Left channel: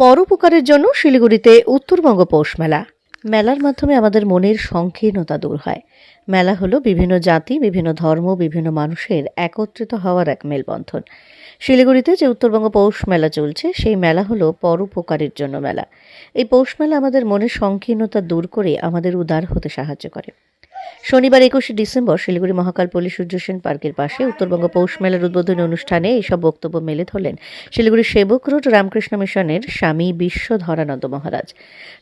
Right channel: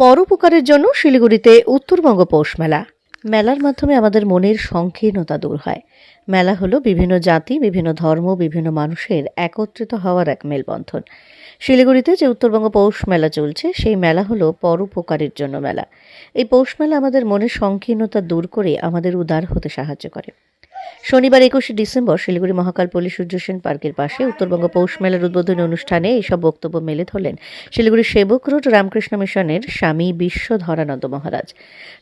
পরোপকারের জন্য শিলিগুড়িতে উত্তরবঙ্গ পৌষ মেলা। মেলার মাধ্যমে আমাদের মনের সংকীর্ণতা দূর হয়। মেলা হলো বিভিন্ন জাতি, বিভিন্ন ধর্ম, বিভিন্ন মানুষের একত্রিত হওয়ার এক মেলবন্ধন। শিলিগুড়িতে যে উত্তরবঙ্গ পৌষ মেলা চলছে, সেই মেলা হলো পরোপকারের জন্য মেলা। এই পৌষ মেলা আমাদের মনের সংকীর্ণতা দূর করে আমাদের উদার হতে সাহায্য করে। শনিবার একুশে ডিসেম্বর শিলিগুড়ি মহাকাল পল্লী সূর্য সেন পার্কের পাশে উত্তরবঙ্গ পৌষ মেলার উদ্বোধনী অনুষ্ঠানে এইসব বক্তব্য মেলে ধরলেন শিলিগুড়ির সেবক রোড রামকৃষ্ণ মিশনের স্বামী বিশ্বধরানন্দ মহারাজ।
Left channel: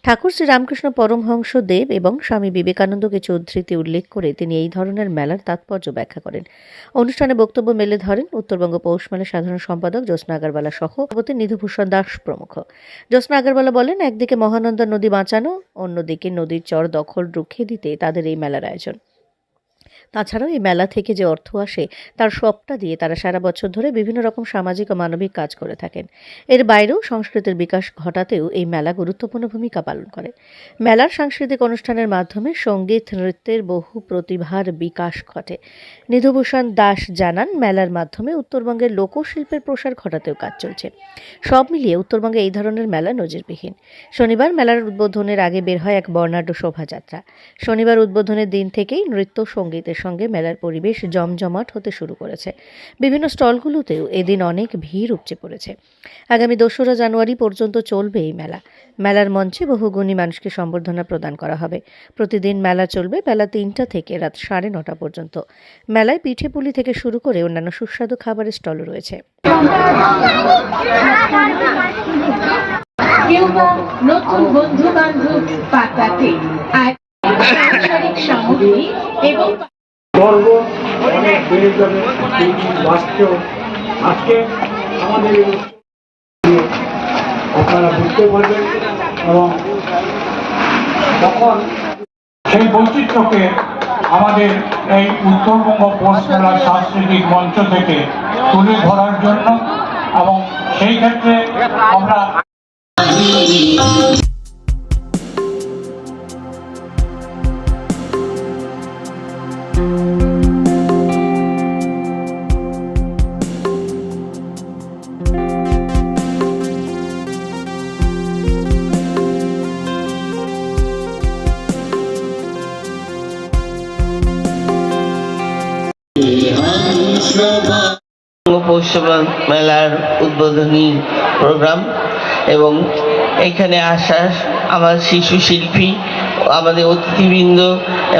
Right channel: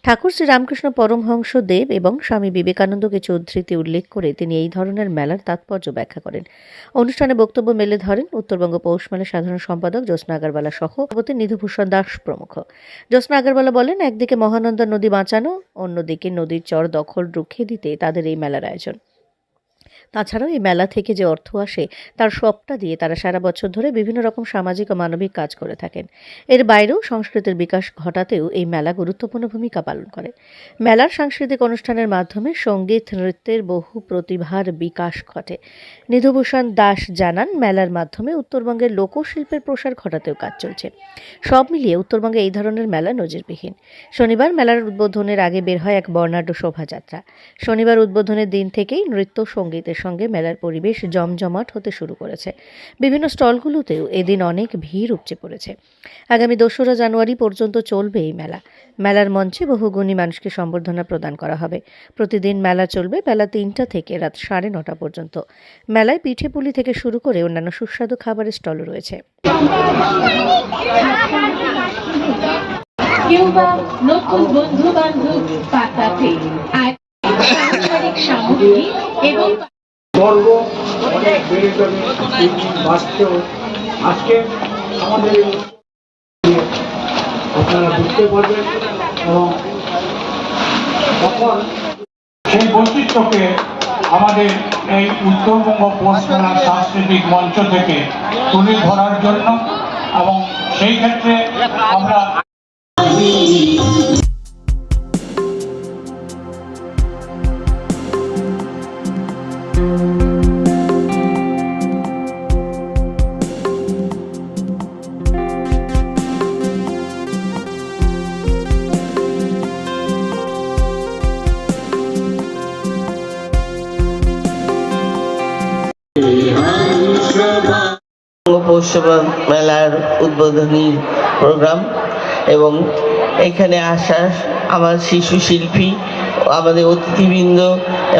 ঠাকুর শ্রী রামকৃষ্ণ পরমহংস দেব এবং স্বামী বিবেকানন্দ কিছু উদ্ধৃতি উল্লেখ করে তিনি এই ধরনের মেলার তাৎপর্য ব্যাখ্যা করেন। অনুষ্ঠানে বক্তব্য মেলে ধরেন উত্তরবঙ্গ পৌষ মেলার সাধারণ সম্পাদক জ্যোৎস্না আগরওয়ালা সহ সভাপতি নিধুভূষণ দাস প্রমুখ। জ্যোৎস্না আগরওয়ালা বলেন, একদিকে মহানন্দা নদী বাঁচানো, অন্যদিকে নদীর চর দখল রুখে দিতে তাদের এই মেলার আয়োজন তাছাড়াও এই মেলা থেকে যে অর্থ আসে, তার সবটা দিয়ে তারা সারা বছর ধরে বিভিন্ন রকম সামাজিক ও মানবিক কাজ করে থাকেন। এর বাইরেও সংস্কৃতির বিকাশ ঘটাতেও এই মেলা গুরুত্বপূর্ণ ভূমিকা পালন করে। মেলার সাংস্কৃতিক অনুষ্ঠানের মাধ্যমে সংগীত, নৃত্যের বহু প্রতিভার বিকাশ ঘটে। নিধুভূষণ দাস জানান, মেলার মাধ্যমে উত্তরবঙ্গের লোকশিল্পের প্রসার ঘটাতেও কাজ চলছে। সব মিলিয়ে উত্তরবঙ্গে এই ধরনের মেলা নজিরবিহীন। শনিবার মেলার উদ্বোধনের আগে বের হয় এক বর্ণাঢ্য শোভাযাত্রা। শনিবার উদ্বোধনের দিন থেকেই নৃত্য, সঙ্গীতের সঙ্গে মেলার পরিবেশ জমজমাট হতে শুরু করেছে। বিভিন্ন স্টলগুলোতেও এদিন অনেক ভিড় উপচে পড়েছে। আগামী দোসরা জানুয়ারি পর্যন্ত চলবে এই মেলা। মেলার মঞ্চে বহু গুণী মানুষকে সম্বর্ধনা প্রদান করা হবে। প্রতিদিন মেলা চলবে বেলা তিনটা থেকে রাত সাড়ে নটা পর্যন্ত। মেলায় পিঠে পুলি থেকে শুরু করে অন্যান্য সুস্বাদু খাবারের স্টলও রয়েছে। নতুন বন্ধু বান্ধব পাতাতে আর সামগ্রী এবং গর্ব আজকে আমাদের আপনারা বুঝতে পারবেন এবং তখন সেই বৈচিত্র্যকে আমাদের এই উত্তরবঙ্গ পৌষ সাংস্কৃতিক মঞ্চ থেকে তুলে ধরার জন্য এবং সেই ক্ষেত্রে আমরা পৌরসভা মেলার উদ্বোধনী প্রোগ্রাম এবং এখানে আসা আমার শিশু শিল্পী আমাদের অতিথিবৃন্দ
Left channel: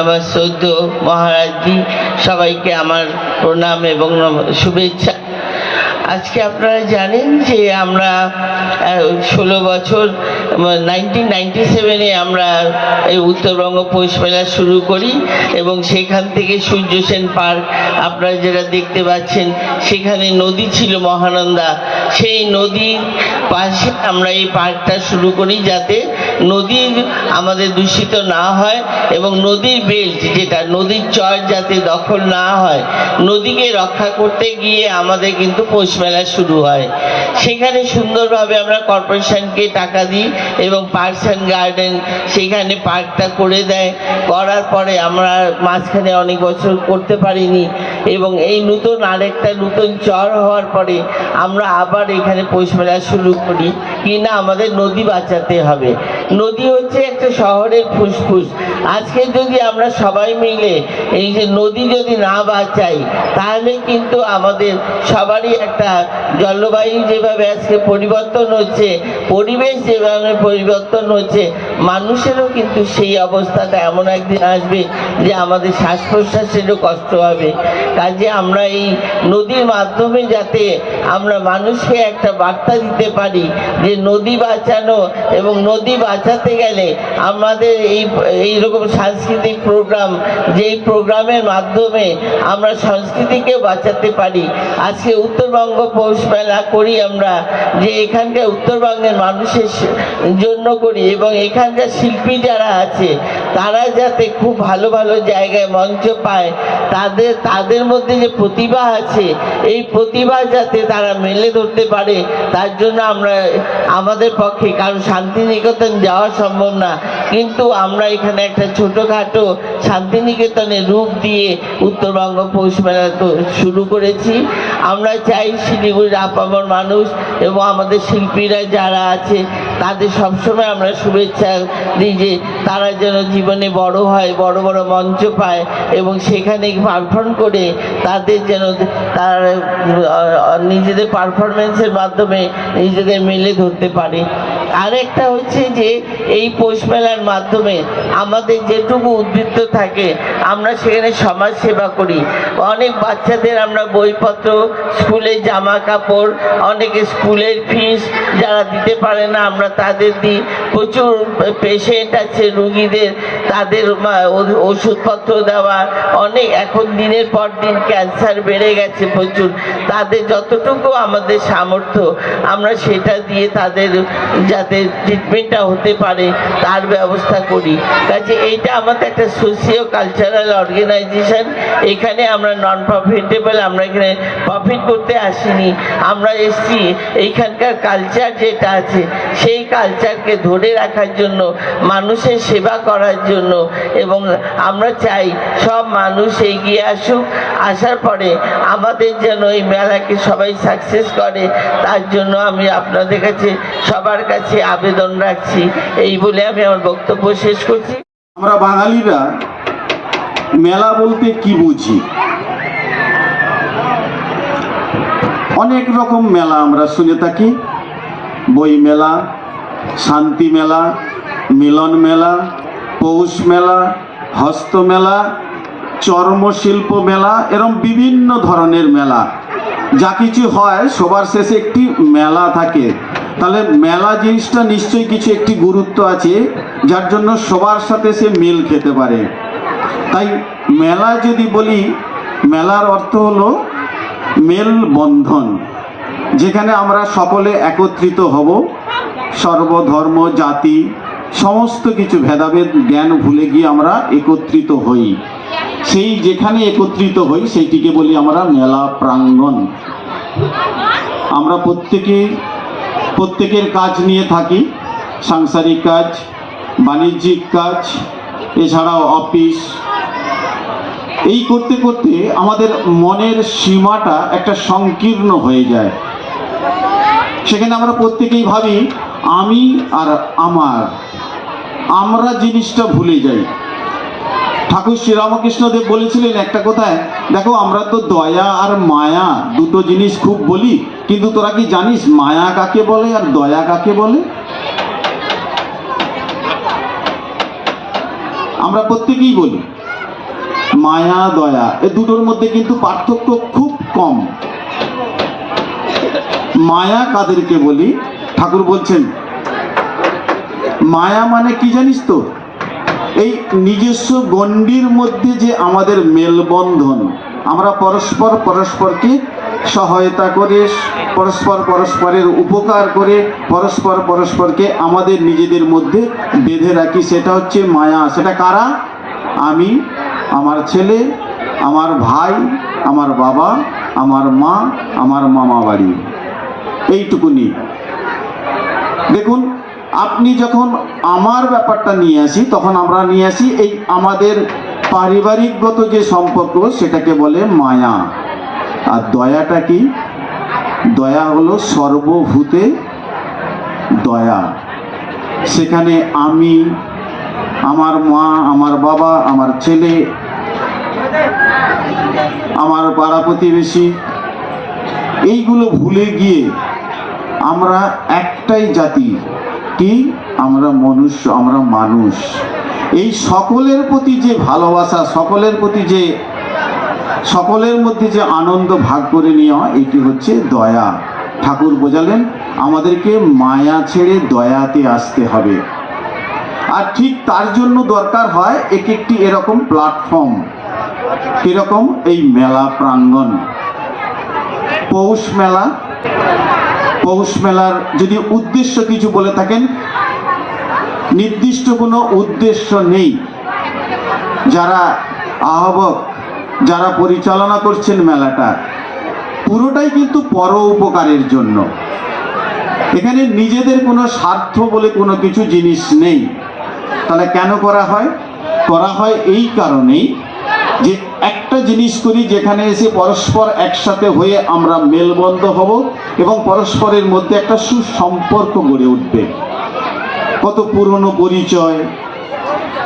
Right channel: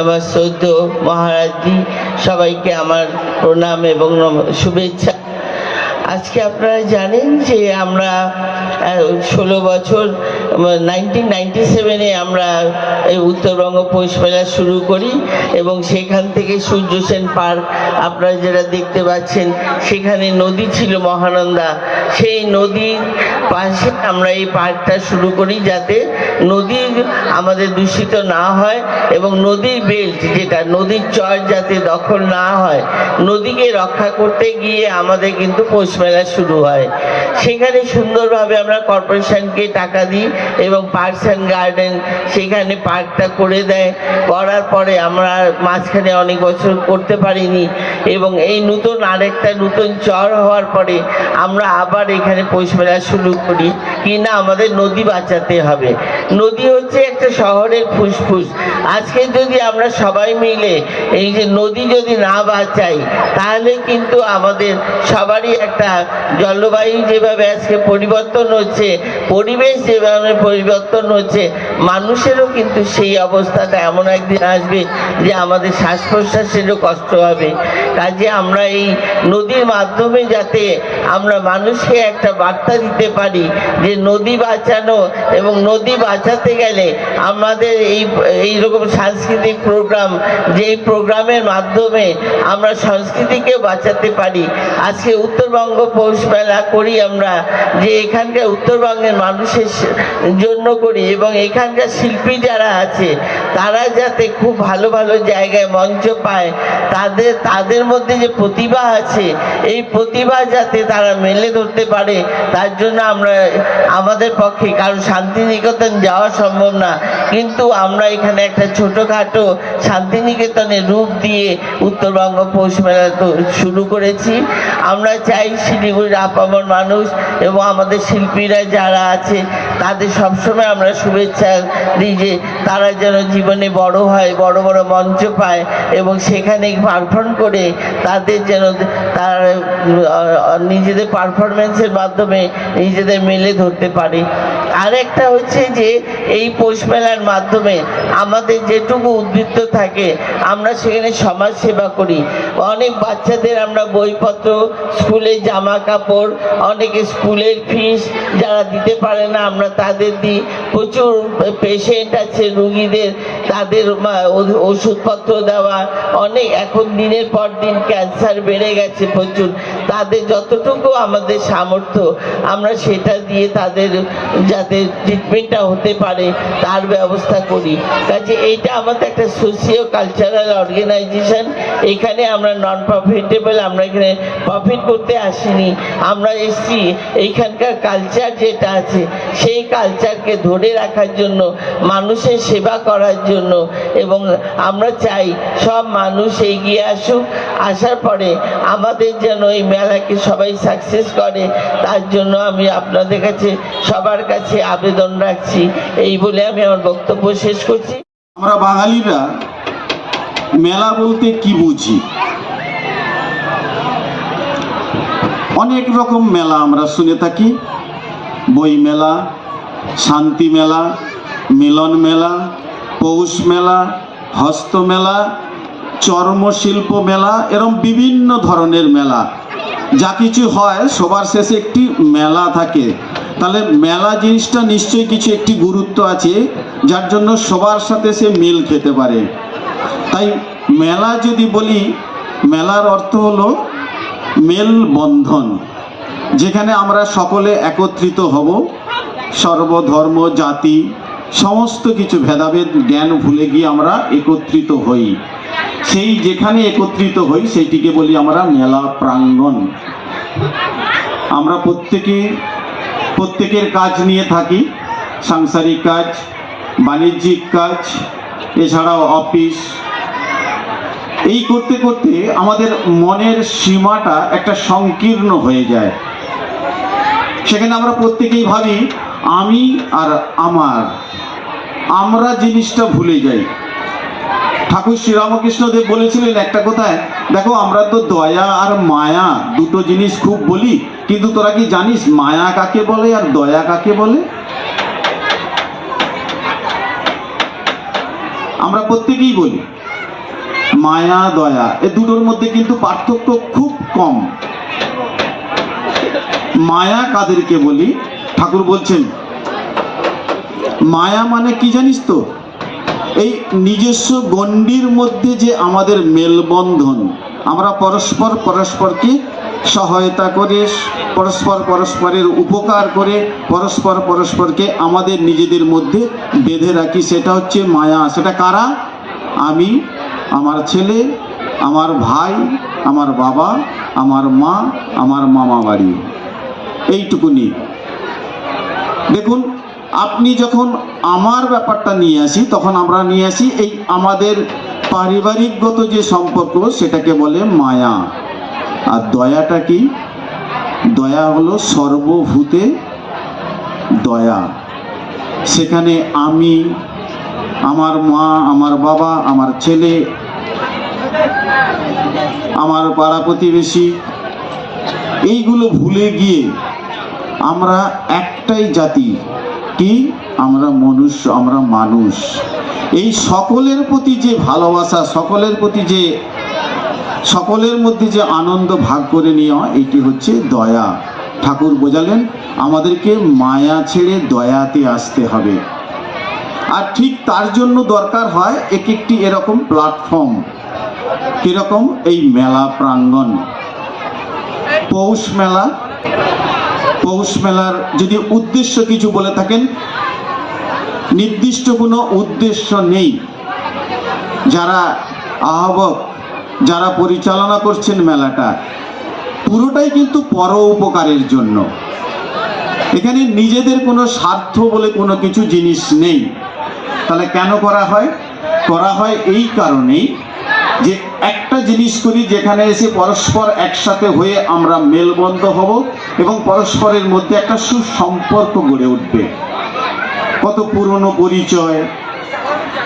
আমার শ্রদ্ধ মহারাজি সবাইকে আমার প্রণাম এবং শুভেচ্ছা। আজকে আপনারা জানেন যে আমরা ষোলো বছর নাইনটিন নাইনটি সেভেনে আমরা এই উত্তরবঙ্গ পৌষ মেলা শুরু করি এবং সেখান থেকে সূর্য সেন পার্ক আপনারা যেটা দেখতে পাচ্ছেন, সেখানে নদী ছিল মহানন্দা। সেই নদীর পাশে আমরা এই পার্কটা শুরু করি যাতে নদী আমাদের দূষিত না হয় এবং নদীর বেল্ট যেটা, নদীর চর যাতে দখল না হয়, নদীকে রক্ষা করতে গিয়ে আমাদের কিন্তু পৌষ মেলা শুরু হয়। সেখানে সুন্দরভাবে আমরা কর্পোরেশনকে টাকা দিই এবং পার্কস অ্যান্ড গার্ডেন সেখানে পার্কটা করে দেয়। করার পরে আমরা মাঝখানে অনেক বছর করতে পারিনি এবং এই নতুন আরেকটা নতুন চর হওয়ার পরে আমরা আবার এখানে পৌষ মেলা শুরু করি। কি না আমাদের নদী বাঁচাতে হবে। নদী হচ্ছে একটা শহরের ফুসফুস। আজকে যদি আমরা সবাই মিলে এই যে নদী যদি না বাঁচাই, তাহলে কিন্তু আমাদের সবারই একটা জলবায়ু যেভাবে আজকে পরিবর্তন হচ্ছে, পরিবেশ যেভাবে পরিবর্তন হচ্ছে মানুষেরও কিন্তু সেই অবস্থাটা এমন একদিন আসবে যে আমাদের শ্বাস প্রশ্বাসেরও কষ্ট হবে। কাজে আমরা এই নদীর মাধ্যমে যাতে আমরা মানুষকে একটা বার্তা দিতে পারি যে নদী বাঁচানো এবং নদী বাঁচাতে গেলে আমাদের এই, এইরকম সাংস্কৃতিক প্রোগ্রাম যেই প্রোগ্রামের মাধ্যমে আমরা সংস্কৃতিকে বাঁচাতে পারি। আজকে উত্তরবঙ্গ পৌষ মেলা করি আমরা, যে এখানকার উত্তরবঙ্গের মানুষের জন্য করি এবং এখানকার শিল্পী যারা আছে তারা যাতে খুব ভালো ভালো জায়গায় মঞ্চ পায়, তাদের তাদের মধ্যে যে প্রতিভা আছে, এই প্রতিভা যাতে তারা মেলে ধরতে পারে, তার জন্য আমরা, আমাদের পক্ষে, কারণ শান্তিনিকেতন যাওয়া সম্ভব না। কিন্তু আমরা এখানে একটা ছোটোখাটো শান্তিনিকেতনের রূপ দিয়ে উত্তরবঙ্গ পৌষ মেলা শুরু করেছি। আমরা চাই শিলিগুড়ির আপামর মানুষ এবং আমাদের শিল্পীরা যারা আছে, তাদের সবসময় আমরা শুভেচ্ছা দিই যে তারা যেন জীবনে বড় হয়, বড় বড় মঞ্চ পায় এবং সেখানে পারফর্ম করে তাদের যেন তার নিজেদের পারফরমেন্সের মাধ্যমে নিজেদের মেলে ধরতে পারে। আরেকটা হচ্ছে যে এই পৌষ মেলার মাধ্যমে আমাদের যেটুকু উদ্বৃত্ত থাকে, আমরা সেখানে সমাজ সেবা করি। অনেক বাচ্চাদের আমরা বইপত্র স্কুলের জামা কাপড়, অনেকে স্কুলের ফিস যারা দিতে পারে না, আমরা তাদের দিই। প্রচুর পেশেন্ট আছে, রুগীদের, তাদের ওষুধপত্র দেওয়া। অনেক, এখন দিনের পর দিন ক্যান্সার বেড়ে গেছে প্রচুর। তাদের যতটুকু আমাদের সামর্থ্য, আমরা সেটা দিয়ে তাদের যাতে ট্রিটমেন্টটা হতে পারে, তার ব্যবস্থা করি। কাজে এইটা আমাদের একটা সোশিও কালচারাল অর্গানাইজেশন এখানে আমরা নন প্রফিটেবল আমরা এখানে প্রফিট করতে আসিনি। আমরা এসছি, এইখানকার কালচার যেটা আছে, সেই কালচারকে ধরে রাখার জন্য, মানুষের সেবা করার জন্য। এবং আমরা চাই, সব মানুষ এগিয়ে আসুক। আসার পরে আমাদের যেন এই মেলাকে সবাই সাকসেস করে, তার জন্য আমি আপনাদের কাছে, সবার কাছে আবেদন রাখছি। এই বলে আমি আমার বক্তব্য শেষ করছি। আমরা বাঙালিরা মেলা বলতে কি বুঝি? অনেক রকম মেলা আমরা শুনে থাকি। বই মেলা, শান্তি মেলা, মিলন মেলা, পৌষ মেলা, হস্ত মেলা চর্মশিল্প মেলা, এরম বিভিন্ন ধরনের মেলা। যা কিছু হয়, সবার শেষে একটি মেলা থাকে। তাহলে মেলা জিনিসটা নিশ্চয়ই কিছু একটি গুরুত্ব আছে, যার জন্য সবার সাথে সে মিল খেতে পারে। তাই মেলা যদি বলি, মেলার অর্থ হলো মেল বন্ধন যেখানে আমরা সকলে একত্রিত হব। সর্বধর্ম, জাতি, সমস্ত কিছু ভেদাভেদ, জ্ঞান ভুলে গিয়ে আমরা একত্রিত হই। সেই যেখানে একত্রিত হই, সেইটিকে বলি আমরা মেলা প্রাঙ্গণ। আমরা প্রত্যেকে প্রত্যেকের কাজ নিয়ে থাকি। সাংসারিক কাজ, বাণিজ্যিক কাজ, এছাড়াও অফিস। এই করতে করতে আমাদের মনের সীমাটা একটা সংকীর্ণ হয়ে যায়। সেখানে আমরা প্রত্যেকেই ভাবি, আমি আর আমার, আমরা জিনিসটা ভুলে যাই। ঠাকুর শ্রীরামকৃষ্ণদেব বলেছিলেন একটা কথায়, দেখো আমরা তো দয়া আর মায়া দুটো জিনিস খুব বলি কিন্তু তোরা কি জানিস মায়া কাকে বলে আর দয়া কাকে বলে? আমরা প্রত্যেকেই বলি, মায়া, দয়া, এ দুটোর মধ্যে কিন্তু পার্থক্য খুব কম। মায়া কাদেরকে বলি? ঠাকুর বলছেন, মায়া মানে কি জানিস তো? এই নিজস্ব গণ্ডির মধ্যে যে আমাদের মেলবন্ধন, আমরা পরস্পর পরস্পরকে সহায়তা করে, পরস্পর পরস্পরের উপকার করে, পরস্পর পরস্পরকে আমাদের নিজেদের মধ্যে বেঁধে রাখি, সেটা হচ্ছে মায়া। সেটা কারা? আমি, আমার ছেলে, আমার ভাই, আমার বাবা, আমার মা, আমার মামা বাড়ি। এইটুকুনি। দেখুন, আপনি যখন আমার ব্যাপারটা নিয়ে আসি, তখন আমরা নিয়ে আসি এই আমাদের পারিবারিকগত যে সম্পর্ক, সেটাকে বলে মায়া। আর দয়াটা কি? দয়া হলো সর্বভূতে দয়া। সেখানে আমি, আমার মা, আমার বাবা, আমার ছেলে, আমার পাড়া প্রতিবেশী, এইগুলো ভুলে গিয়ে আমরা একটাই জাতি। কি? আমরা মনুষ্য, আমরা মানুষ। এই সকলের প্রতি যে ভালোবাসা, সকলের প্রতি যে সকলের মধ্যে যে আনন্দ ভাগ করে নেওয়া, এটি হচ্ছে দয়া। ঠাকুর বোঝালেন, আমাদেরকে মায়া ছেড়ে দয়াতে আসতে হবে। আর ঠিক তার জন্য দরকার হয় এক একটি এরকম প্ল্যাটফর্ম কীরকম? এই মেলা প্রাঙ্গণ। পৌষ মেলা, পৌষ মেলার যদি উদ্দেশ্য কিছু বলে থাকেন, নির্দিষ্ট কোনো উদ্দেশ্য নেই। যারা আহ্বক যারা পরিচালনা করছেন মেলাটা, পুরোটাই কিন্তু পর উপকারের জন্য। এখানে নিজেদের কোনো স্বার্থ বলে কোনো কিছু জিনিস নেই। তাহলে কেন করা হয়? করা হয় এই কারণেই যে একটা জিনিস করি যেখানে এসে পরস্পর একসাথে হয়ে আমরা মেলবন্ধ হব এবং পরস্পরের মধ্যে একটা সুসম্পর্ক গড়ে উঠবে। কত পুরনো পরিচয়,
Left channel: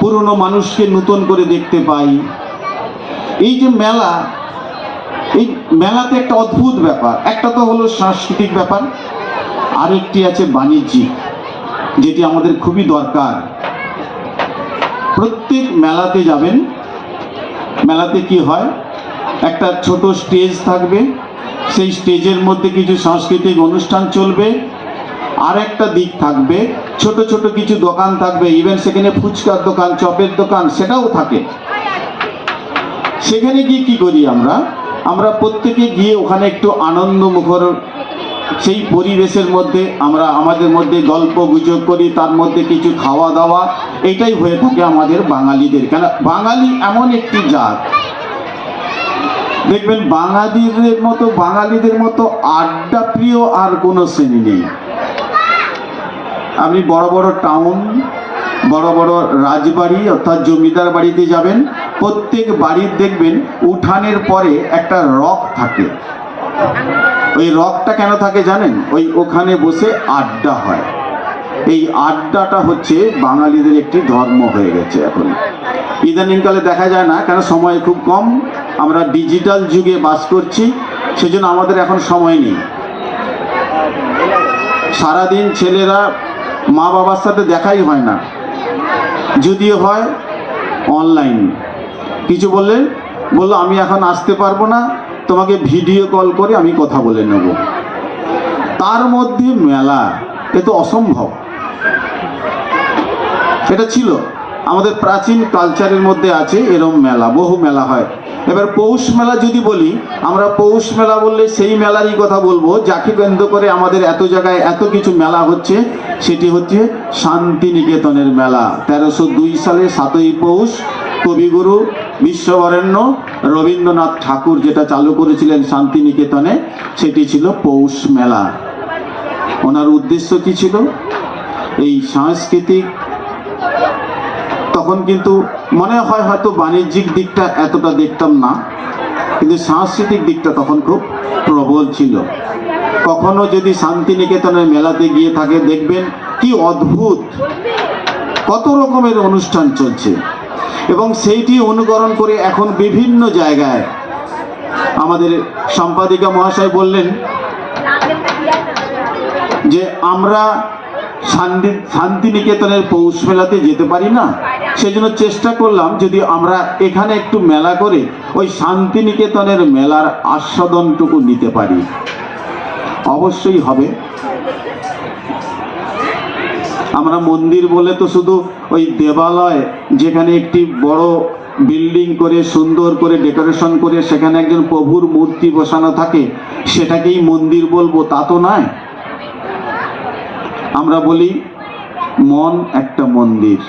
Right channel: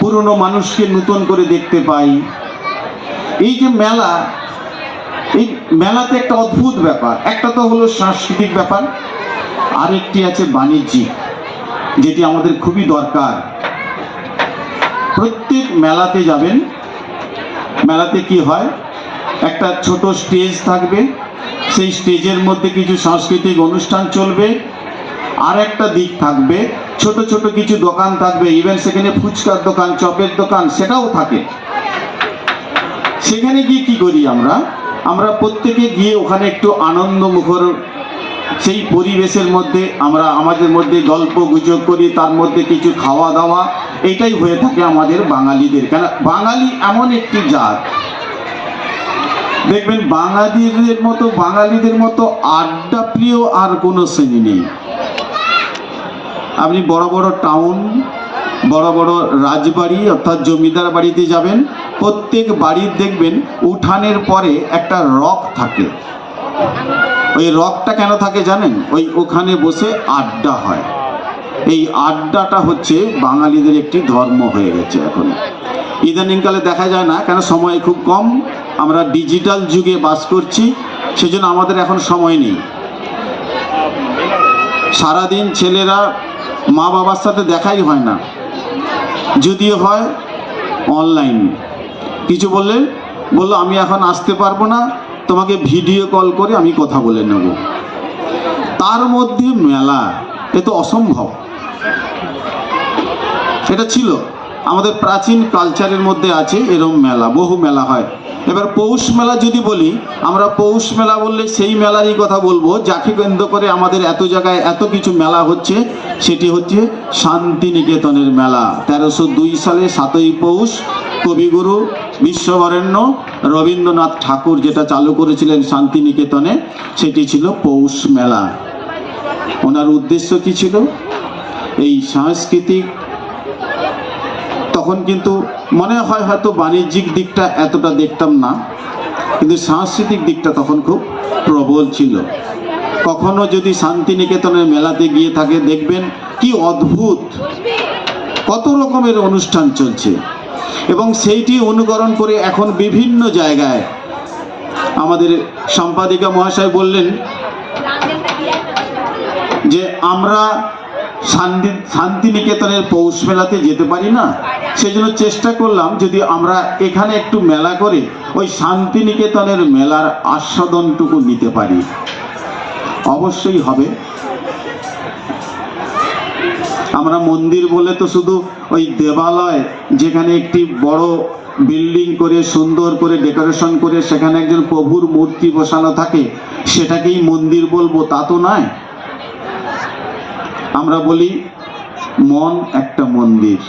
পুরনো মানুষকে নতুন করে দেখতে পাই এই যে মেলা, এই মেলাতে একটা অদ্ভুত ব্যাপার। একটা তো হলো সাংস্কৃতিক ব্যাপার, আরেকটি আছে বাণিজ্যিক যেটি আমাদের খুবই দরকার। প্রত্যেক মেলাতে যাবেন, মেলাতে কি হয়? একটা ছোট স্টেজ থাকবে, সেই স্টেজের মধ্যে কিছু সাংস্কৃতিক অনুষ্ঠান চলবে, আর একটা দিক থাকবে, ছোট ছোট কিছু দোকান থাকবে ইভেন সেখানে ফুচকার দোকান, চপের দোকান, সেটাও থাকে। সেখানে গিয়ে কি করি আমরা? আমরা প্রত্যেকে গিয়ে ওখানে একটু আনন্দ মুখর সেই পরিবেশের মধ্যে আমরা আমাদের মধ্যে গল্প গুজব করি, তার মধ্যে কিছু খাওয়া দাওয়া, এটাই হয়ে থাকে আমাদের বাঙালিদের কেন বাঙালি এমন একটি জাত। দেখবেন বাঙালিদের মতো বাঙালিদের মতো আড্ডা প্রিয় আর কোনো শ্রেণি নেই। আপনি বড় বড় টাউন বড় বড় রাজবাড়ি অর্থাৎ জমিদার বাড়িতে যাবেন প্রত্যেক বাড়ির দেখবেন উঠানের পরে একটা রক থাকে। ওই রকটা কেন থাকে জানেন? ওই ওখানে বসে আড্ডা হয়। এই আড্ডাটা হচ্ছে বাঙালিদের একটি ধর্ম হয়ে গেছে এখন। ইদানিংকালে দেখা যায় না, কেন সময় খুব কম। আমরা ডিজিটাল যুগে বাস করছি, সেজন্য আমাদের এখন সময় নেই। সারাদিন ছেলেরা মা বাবার সাথে দেখাই হয় না। যদিও হয় অনলাইন কিছু বললেন? বলল, আমি এখন আসতে পারব না, তোমাকে ভিডিও কল করে আমি কথা বলে নেব। তার মধ্যে মেলা, এ তো অসম্ভব। এটা ছিল। আমাদের প্রাচীন কালচারের মধ্যে আছে এরম মেলা, বহু মেলা হয়। এবার পৌষ মেলা যদি বলি, আমরা পৌষ মেলা বললে সেই মেলারই কথা বলব, যাকে কেন্দ্র করে আমাদের এত জায়গায় এত কিছু মেলা হচ্ছে, সেটি হচ্ছে শান্তিনিকেতনের মেলা। তেরোশো দুই সালে সাতই পৌষ কবিগুরু বিশ্ববরেণ্য রবীন্দ্রনাথ ঠাকুর যেটা চালু করেছিলেন শান্তিনিকেতনে, সেটি ছিল পৌষ মেলা। ওনার উদ্দেশ্য কি ছিল? এই সাংস্কৃতিক, তখন কিন্তু মনে হয় হয়তো বাণিজ্যিক দিকটা এতটা দেখতাম না, কিন্তু সাংস্কৃতিক দিকটা তখন খুব প্রবল ছিল। কখনো যদি শান্তিনিকেতনের মেলাতে গিয়ে থাকে, দেখবেন কি অদ্ভুত, কত রকমের অনুষ্ঠান চলছে। এবং সেইটি অনুকরণ করে এখন বিভিন্ন জায়গায় আমাদের সম্পাদিকা মহাশয় বললেন যে আমরা শান্তি শান্তিনিকেতনের পৌষ মেলাতে যেতে পারি না। সেই জন্য চেষ্টা করলাম যদি আমরা এখানে একটু মেলা করে ওই শান্তিনিকেতনের মেলার আস্বাদনটুকু নিতে পারি। অবশ্যই হবে। আমরা মন্দির বলে তো শুধু ওই দেবালয়, যেখানে একটি বড় বিল্ডিং করে, সুন্দর করে ডেকোরেশন করে, সেখানে একজন প্রভুর মূর্তি বসানো থাকে, সেটাকেই মন্দির বলব, তা তো নয়। আমরা বলি, মন একটা মন্দির,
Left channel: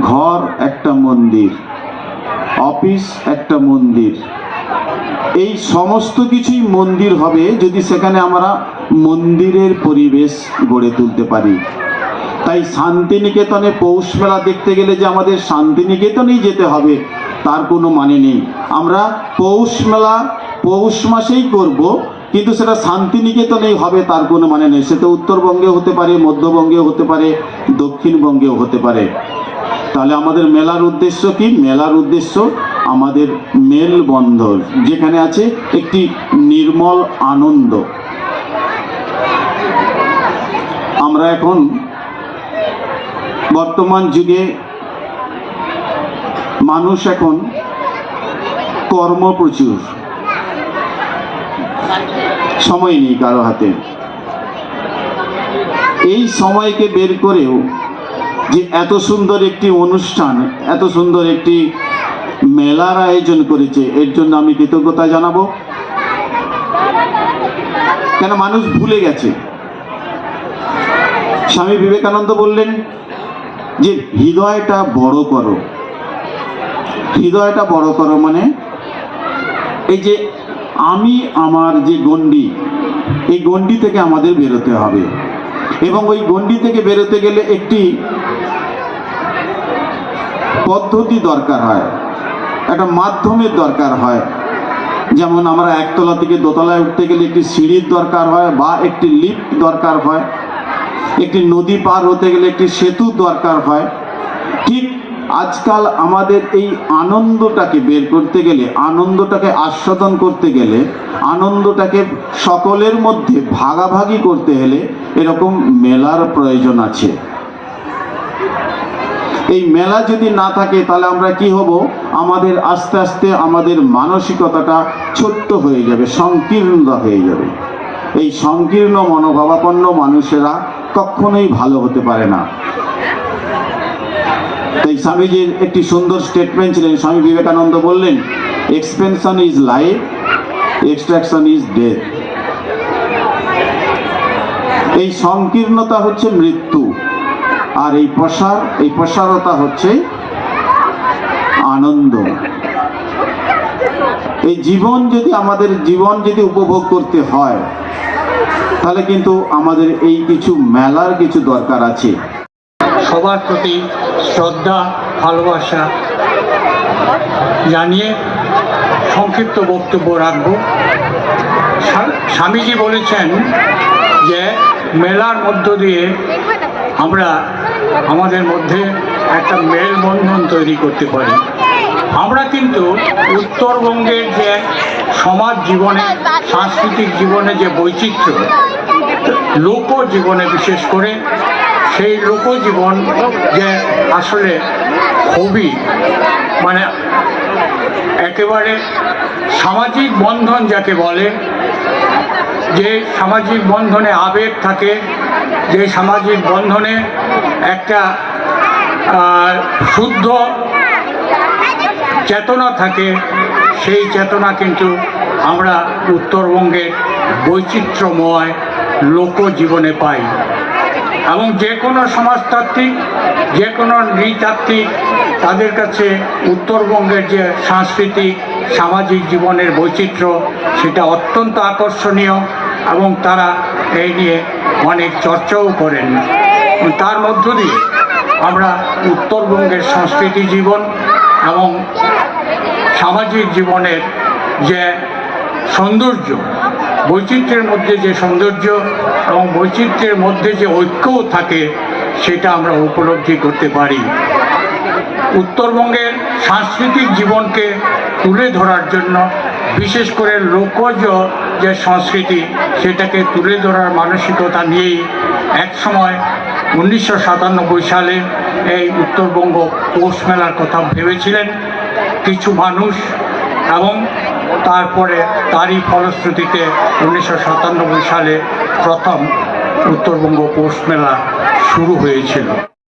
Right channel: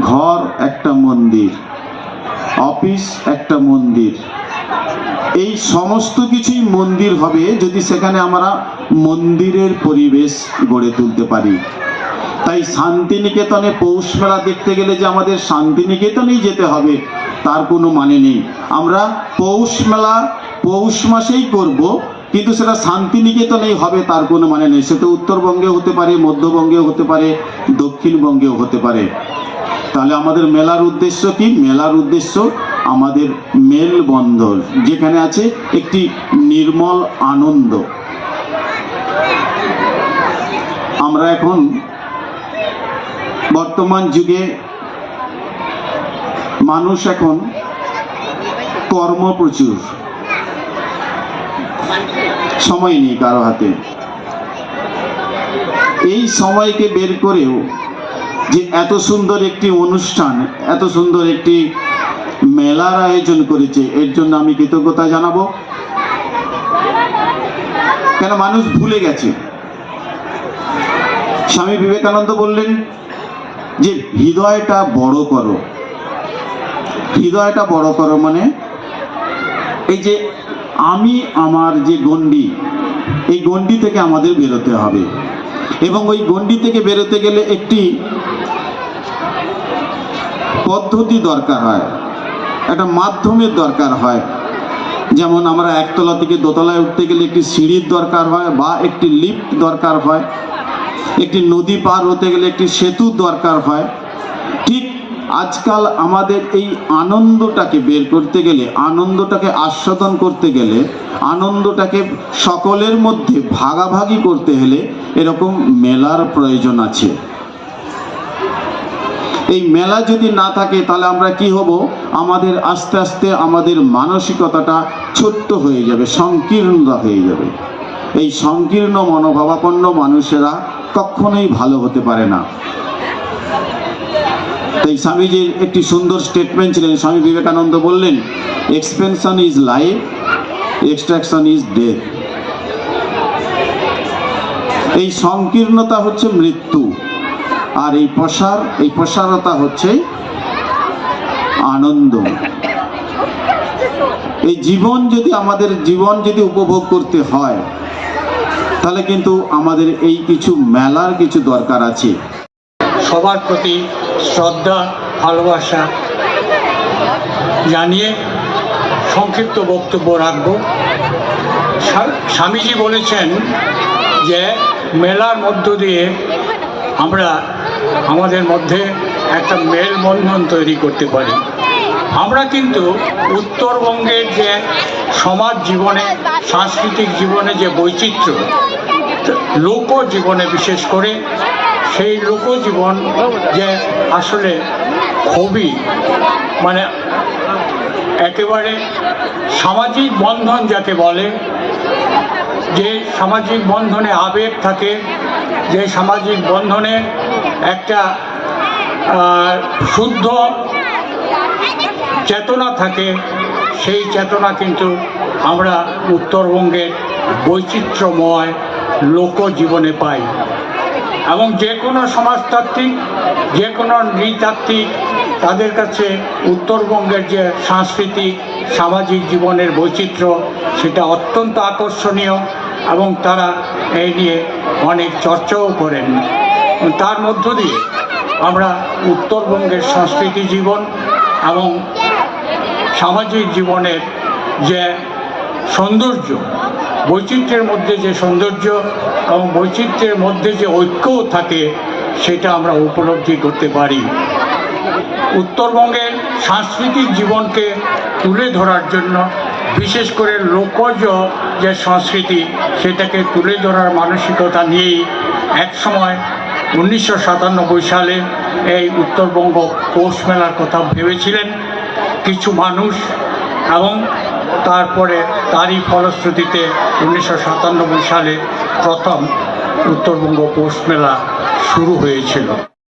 ঘর একটা মন্দির, অফিস একটা মন্দির। এই সমস্ত কিছুই মন্দির হবে যদি সেখানে আমরা মন্দিরের পরিবেশ গড়ে তুলতে পারি। তাই শান্তিনিকেতনে পৌষ মেলা দেখতে গেলে যে আমাদের শান্তিনিকেতনেই যেতে হবে, তার কোনো মানে নেই। আমরা পৌষ মেলা, পৌষ মাসেই করব, কিন্তু সেটা শান্তিনিকেতনেই হবে, তার কোনো মানে নেই। সেটা উত্তরবঙ্গে হতে পারে, মধ্যবঙ্গেও হতে পারে, দক্ষিণবঙ্গেও হতে পারে। তাহলে আমাদের মেলার উদ্দেশ্য কি? মেলার উদ্দেশ্য আমাদের মেলবন্ধন যেখানে আছে একটি নির্মল আনন্দ। আমরা এখন বর্তমান যুগে মানুষ এখন কর্ম প্রচুর। সময় নেই কারও হাতে। এই সময়কে বের করেও যে এত সুন্দর একটি অনুষ্ঠান, এত সুন্দর একটি মেলার আয়োজন করেছে, এর জন্য আমি কৃতজ্ঞতা জানাব। কেন মানুষ ভুলে গেছে? স্বামী বিবেকানন্দ বললেন যে হৃদয়টা বড় করো। হৃদয়টা বড় করো মানে এই যে আমি আমার যে গণ্ডি, এই গণ্ডি থেকে আমাদের বেরোতে হবে। এবং ওই গণ্ডি থেকে বেরোতে গেলে একটি পদ্ধতি দরকার হয়। একটা মাধ্যমের দরকার হয়। যেমন আমরা একতলা থেকে দোতলায় উঠতে গেলে একটি সিঁড়ির দরকার হয় বা একটি লিফট দরকার হয়। একটি নদী পার হতে গেলে একটি সেতু দরকার হয়। ঠিক আজকাল আমাদের এই আনন্দটাকে বের করতে গেলে, আনন্দটাকে আস্বাদন করতে গেলে, আনন্দটাকে সকলের মধ্যে ভাগাভাগি করতে হলে এরকম মেলার প্রয়োজন আছে। এই মেলা যদি না থাকে তাহলে আমরা কি হব? আমাদের আস্তে আস্তে আমাদের মানসিকতাটা ছোট্ট হয়ে যাবে সংকীর্ণতা হয়ে যাবে। এই সংকীর্ণ, মনোভাবাপন্ন মানুষেরা কখনোই ভালো হতে পারে না। তাই স্বামীজির একটি সুন্দর স্টেটমেন্ট ছিলেন। স্বামী বিবেকানন্দ বললেন expansion is life extraction is death এই সংকীর্ণতা হচ্ছে মৃত্যু, আর এই প্রসার, এই প্রসারতা হচ্ছে আনন্দ। এই জীবন যদি আমাদের, জীবন যদি উপভোগ করতে হয় তাহলে কিন্তু আমাদের এই কিছু মেলার কিছু দরকার আছে। সবার প্রতি শ্রদ্ধা, ভালোবাসা জানিয়ে সংক্ষিপ্ত বক্তব্য রাখব। স্বামীজি বলেছেন যে, মেলার মধ্য দিয়ে আমরা আমাদের মধ্যে একটা মেলবন্ধন তৈরি করতে পারি। আমরা কিন্তু উত্তরবঙ্গের যে সমাজ জীবনে, সাংস্কৃতিক জীবনে যে বৈচিত্র্য লোক জীবনে বিশেষ করে সেই লোকজীবন যে আসলে খুবই মানে একেবারে সামাজিক বন্ধন যাকে বলে, যে সামাজিক বন্ধনে আবেগ থাকে, যে সামাজিক বন্ধনে একটা শুদ্ধ চেতনা থাকে, সেই চেতনা কিন্তু আমরা উত্তরবঙ্গের বৈচিত্র্যময় লোকজীবনে পাই এবং যে কোনো সমাজতাত্ত্বিক, যে কোনো নৃতাত্ত্বিক, তাদের কাছে উত্তরবঙ্গের যে সাংস্কৃতিক, সামাজিক জীবনের বৈচিত্র্য, সেটা অত্যন্ত আকর্ষণীয় এবং তারা এই নিয়ে অনেক চর্চাও করেন। তার মধ্য দিয়ে আমরা উত্তরবঙ্গের সংস্কৃতি জীবন এবং সামাজিক জীবনের যে সৌন্দর্য বৈচিত্র্যের মধ্যে যে সৌন্দর্য এবং বৈচিত্র্যের মধ্যে যে ঐক্যও থাকে, সেটা আমরা উপলব্ধি করতে পারি। উত্তরবঙ্গের সাংস্কৃতিক জীবনকে তুলে ধরার জন্য, বিশেষ করে লোকজ যে সংস্কৃতি, সেটাকে তুলে ধরার মানসিকতা নিয়েই একসময় উনিশশো সাতানব্বই সালে এই উত্তরবঙ্গ পৌষ মেলার কথা ভেবেছিলেন। কিছু মানুষ এবং তারপরে তারই ফলশ্রুতিতে উনিশশো সাতানব্বই সালে প্রথম উত্তরবঙ্গ পৌষ মেলা শুরু হয়েছিল।